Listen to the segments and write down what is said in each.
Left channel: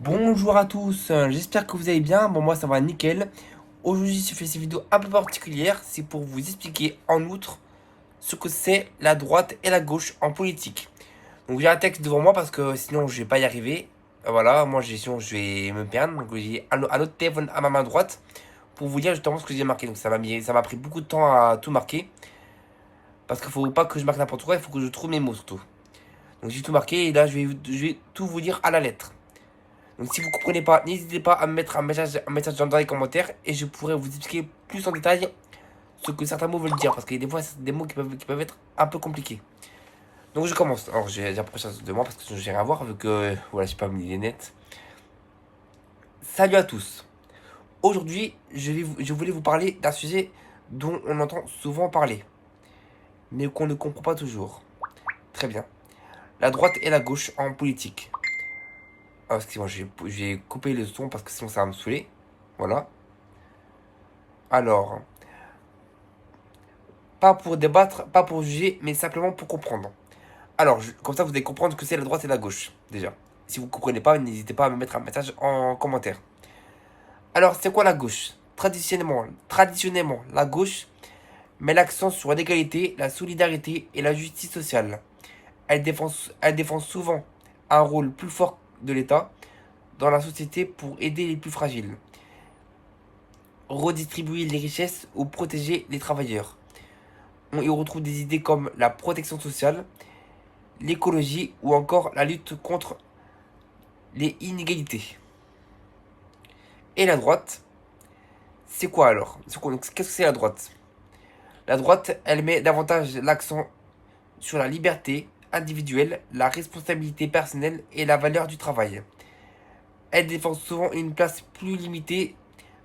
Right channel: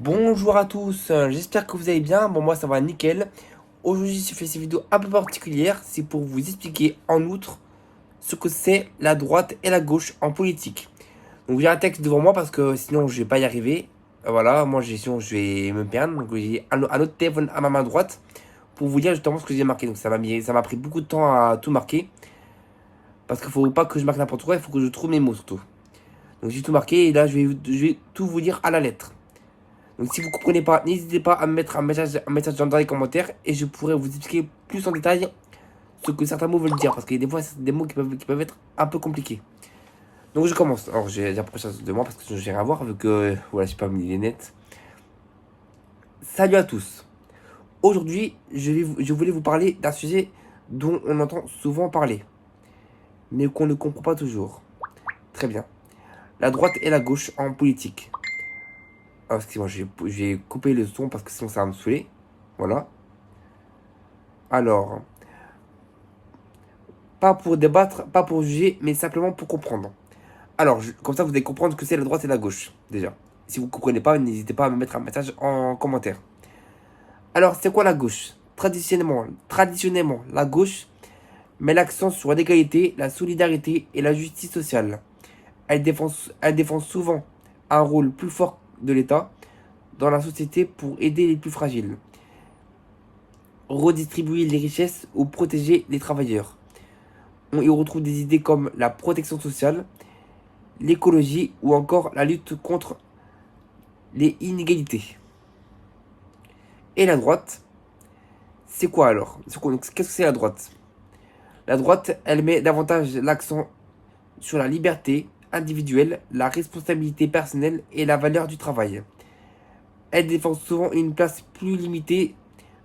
Bonjour à tous, j'espère que vous allez bien. Bon, moi ça va nickel. Aujourd'hui, je fais cette vidéo un peu particulière. C'est pour vous expliquer en outre ce que c'est la droite et la gauche en politique. Donc, j'ai un texte devant moi parce que sinon je vais pas y arriver. Voilà, moi sinon je vais me perdre. Donc, j'ai un autre téléphone à ma main droite pour vous dire justement ce que j'ai marqué. Donc, ça m'a pris beaucoup de temps à tout marquer parce qu'il faut pas que je marque n'importe quoi, il faut que je trouve mes mots surtout. Donc, j'ai tout marqué et là je vais tout vous dire à la lettre. Donc si vous ne comprenez pas, n'hésitez pas à me mettre un message dans les commentaires et je pourrai vous expliquer plus en détail ce que certains mots veulent dire. Parce que des fois, c'est des mots qui peuvent être un peu compliqués. Donc je commence. Alors j'ai déjà ça de moi parce que j'ai rien à voir avec... voilà, j'ai pas mis les lunettes. Salut à tous. Aujourd'hui, je voulais vous parler d'un sujet dont on entend souvent parler, mais qu'on ne comprend pas toujours. Très bien. La droite et la gauche en politique. Ah, excusez-moi, je vais couper le son parce que sinon ça va me saouler. Voilà. Alors, pas pour débattre, pas pour juger, mais simplement pour comprendre. Alors, comme ça, vous allez comprendre ce que c'est la droite et la gauche, déjà. Si vous ne comprenez pas, n'hésitez pas à me mettre un message en commentaire. Alors, c'est quoi la gauche? Traditionnellement, la gauche met l'accent sur l'égalité, la solidarité et la justice sociale. Elle défend souvent un rôle plus fort de l'État dans la société pour aider les plus fragiles, redistribuer les richesses ou protéger les travailleurs. On y retrouve des idées comme la protection sociale, l'écologie ou encore la lutte contre les inégalités. Et la droite, c'est quoi alors? Qu'est-ce que c'est la droite? La droite, elle met davantage l'accent sur la liberté individuelle, la responsabilité personnelle et la valeur du travail. Elle défend souvent une place plus limitée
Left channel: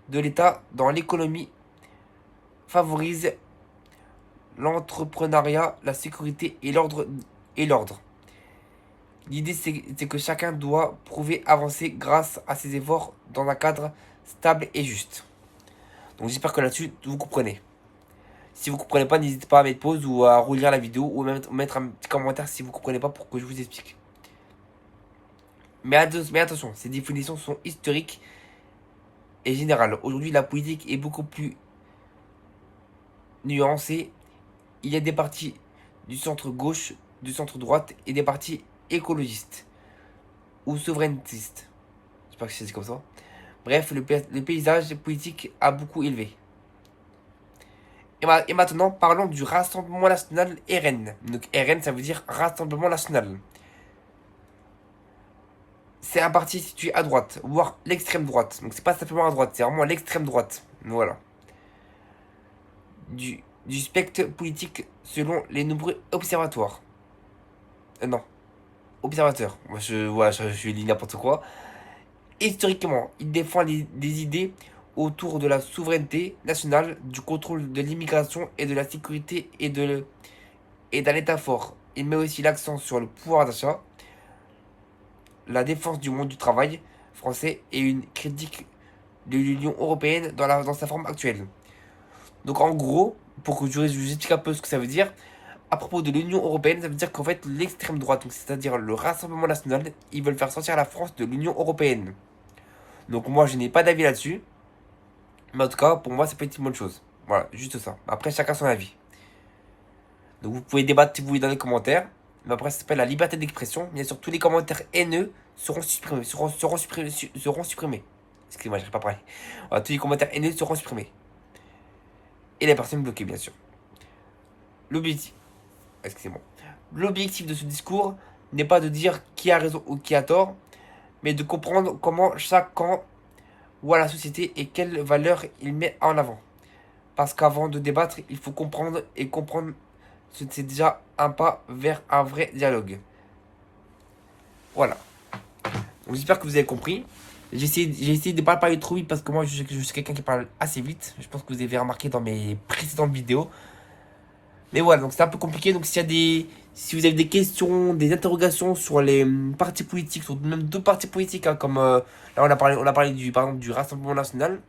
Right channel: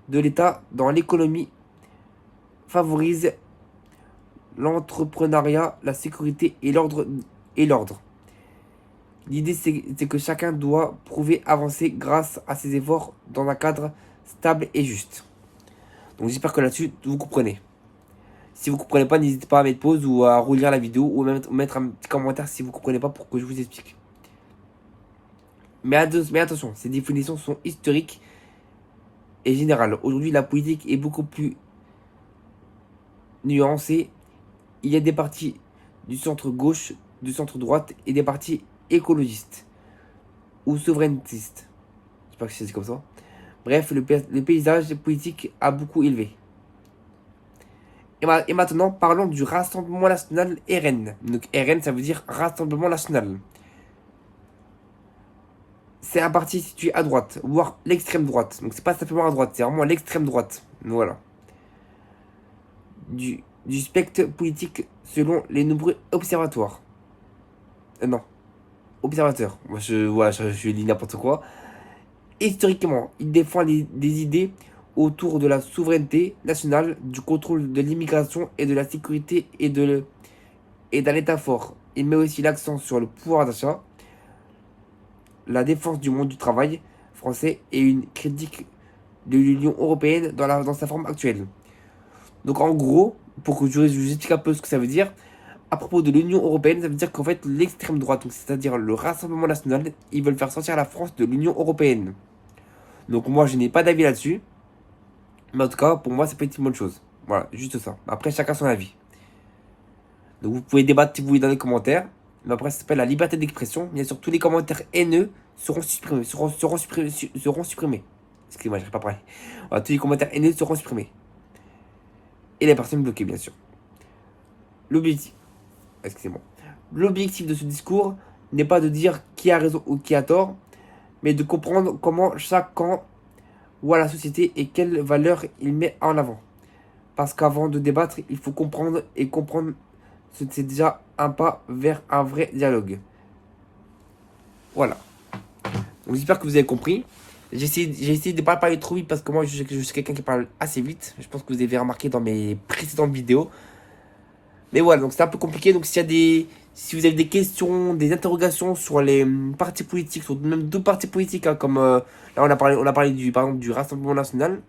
de l'État dans l'économie, favorise l'entrepreneuriat, la sécurité et l'ordre. L'idée, c'est que chacun doit prouver avancer grâce à ses efforts dans un cadre stable et juste. Donc j'espère que là-dessus, vous comprenez. Si vous ne comprenez pas, n'hésitez pas à mettre pause ou à relire la vidéo ou même mettre un petit commentaire si vous ne comprenez pas pour que je vous explique. Mais attention, ces définitions sont historiques et générales. Aujourd'hui, la politique est beaucoup plus nuancée. Il y a des partis du centre gauche, du centre droite et des partis écologistes ou souverainistes. Je sais pas si c'est comme ça. Bref, le paysage politique a beaucoup élevé. Et maintenant, parlons du Rassemblement National RN. Donc RN, ça veut dire Rassemblement National. C'est un parti situé à droite, voire l'extrême droite. Donc c'est pas simplement à droite, c'est vraiment l'extrême droite. Voilà. Du spectre politique selon les nombreux observatoires. Non, observateurs. Moi, je lis n'importe quoi. Historiquement, il défend des idées autour de la souveraineté nationale, du contrôle de l'immigration et de la sécurité et d'un État fort. Il met aussi l'accent sur le pouvoir d'achat, la défense du monde du travail français et une critique de l'Union européenne dans sa forme actuelle. Donc en gros, pour que je vous explique un peu ce que ça veut dire, à propos de l'Union européenne, ça veut dire qu'en fait l'extrême droite, c'est-à-dire le Rassemblement national, ils veulent faire sortir la France de l'Union européenne. Donc moi je n'ai pas d'avis là-dessus, mais en tout cas pour moi ça peut être une bonne chose. Voilà, juste ça. Après chacun son avis. Donc vous pouvez débattre si vous voulez dans les commentaires. Mais après ça s'appelle la liberté d'expression. Bien sûr tous les commentaires haineux seront supprimés. Seront supprimés. Excusez-moi, je n'arrive pas à parler. Voilà, tous les commentaires haineux seront supprimés. Et les personnes bloquées bien sûr. L'objectif. Excusez-moi. L'objectif de ce discours n'est pas de dire qui a raison ou qui a tort, mais de comprendre comment chaque camp voit la société et quelles valeurs il met en avant. Parce qu'avant de débattre, il faut comprendre et comprendre, c'est déjà un pas vers un vrai dialogue. Voilà. Donc j'espère que vous avez compris. J'ai essayé de ne pas parler trop vite parce que moi je suis quelqu'un qui parle assez vite. Je pense que vous avez remarqué dans mes précédentes vidéos. Mais voilà, donc c'est un peu compliqué. Donc si vous avez des questions, des interrogations sur les partis politiques, sur même d'autres partis politiques, hein, comme là on a parlé par exemple du Rassemblement National.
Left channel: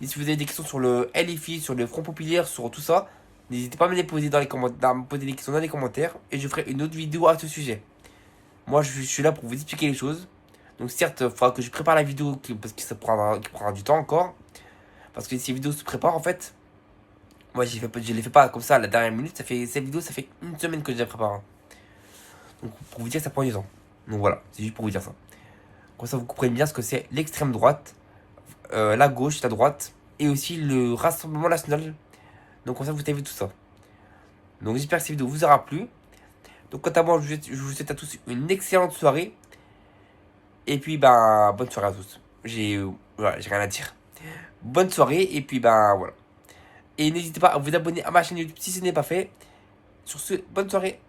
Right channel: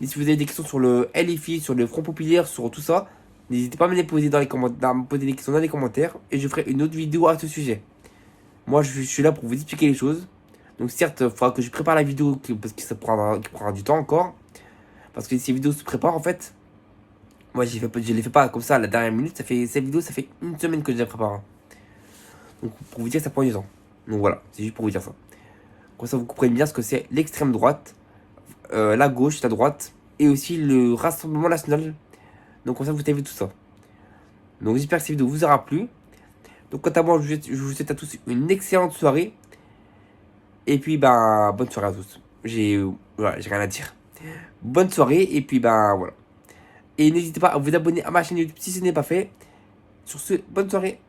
Et si vous avez des questions sur le LFI, sur le Front Populaire, sur tout ça, n'hésitez pas à me les poser dans les commentaires, à me poser des questions dans les commentaires et je ferai une autre vidéo à ce sujet. Moi je suis là pour vous expliquer les choses. Donc certes, il faudra que je prépare la vidéo parce que ça prendra du temps encore. Parce que ces vidéos se préparent en fait. Moi, je les fais pas comme ça à la dernière minute. Cette vidéo, ça fait une semaine que je la prépare, hein. Donc pour vous dire, ça prend du temps. Donc voilà, c'est juste pour vous dire ça. Comme ça, vous comprenez bien ce que c'est l'extrême droite, la gauche, la droite, et aussi le Rassemblement National. Donc comme ça, vous avez vu tout ça. Donc j'espère que cette vidéo vous aura plu. Donc quant à moi, je vous souhaite à tous une excellente soirée. Et puis, ben, bonne soirée à tous. Voilà, j'ai rien à dire. Bonne soirée, et puis, ben, voilà. Et n'hésitez pas à vous abonner à ma chaîne YouTube si ce n'est pas fait. Sur ce, bonne soirée.